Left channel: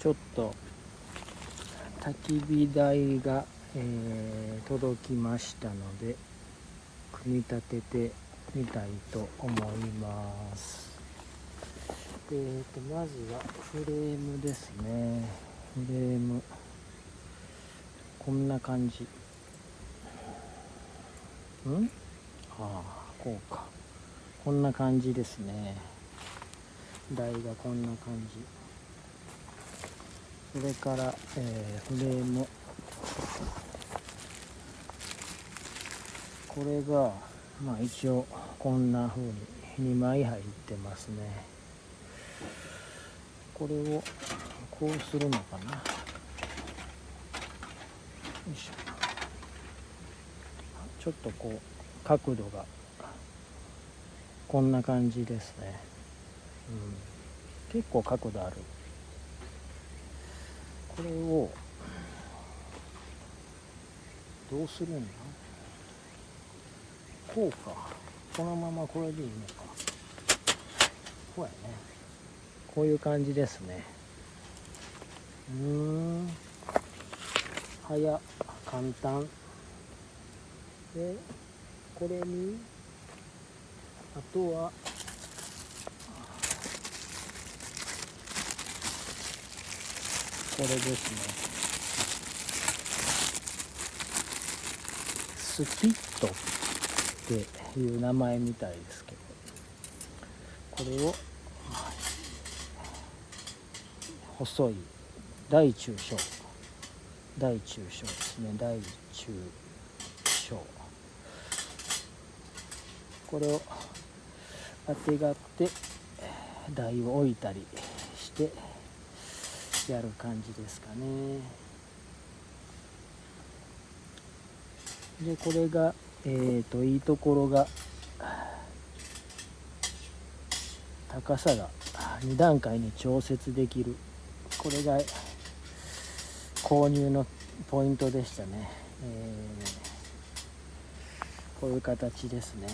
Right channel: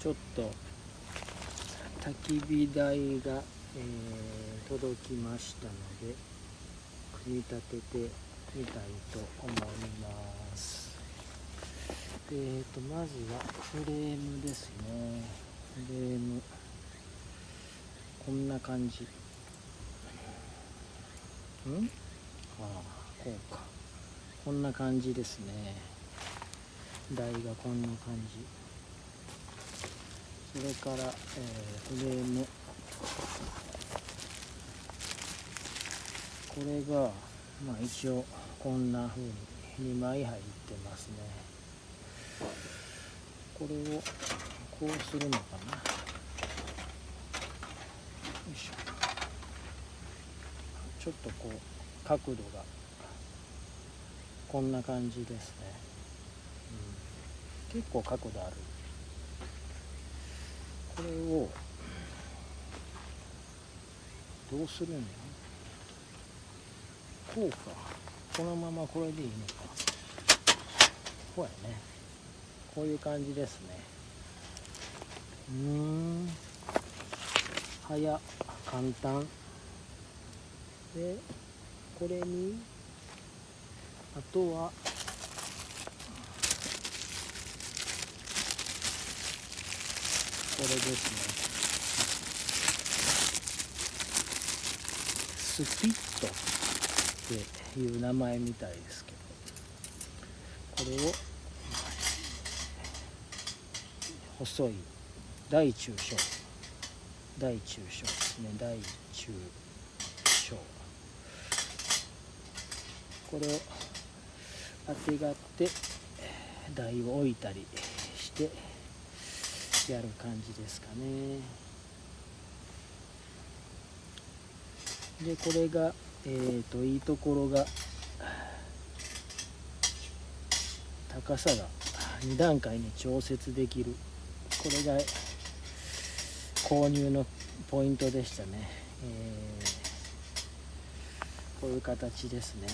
ちょっと焚き火台が、届きましたので組み立ててみたいと思います。まずはフレームですね。フレームこんな感じ。こうか。こんな感じですね。台がこんな感じ。それから、フレーム。これが、一応こんな風に2枚入ってますね。これをこうするのかな。よいしょ。ちょっとこう角度がこんな感じですね。結構角度ある。これをどうするんだ。こうか。このままこれでいいのか。こうやね。こういう感じですね。簡単で、これにあとはこれですね。スピットっていう名前みたいですけど、これを細い大中小ですね。大中小、これをあてがって台を置いたりしてやる感じですかね。でこれがいいところが高さが2段階に調節できる。これが購入のポイントでしたね。こういう形ですね。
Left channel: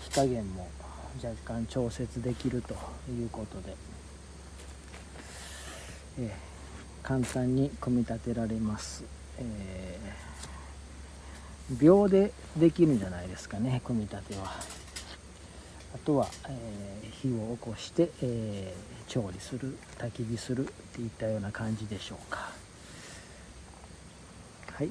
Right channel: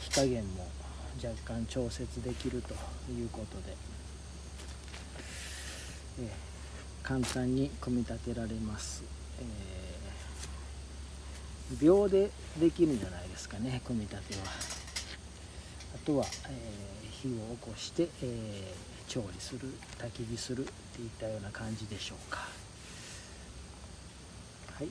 火加減も若干調節できるということで、簡単に組み立てられます。秒でできるんじゃないですかね、組み立ては。あとは、火を起こして、調理する、焚き火するっていったような感じでしょうか。はい。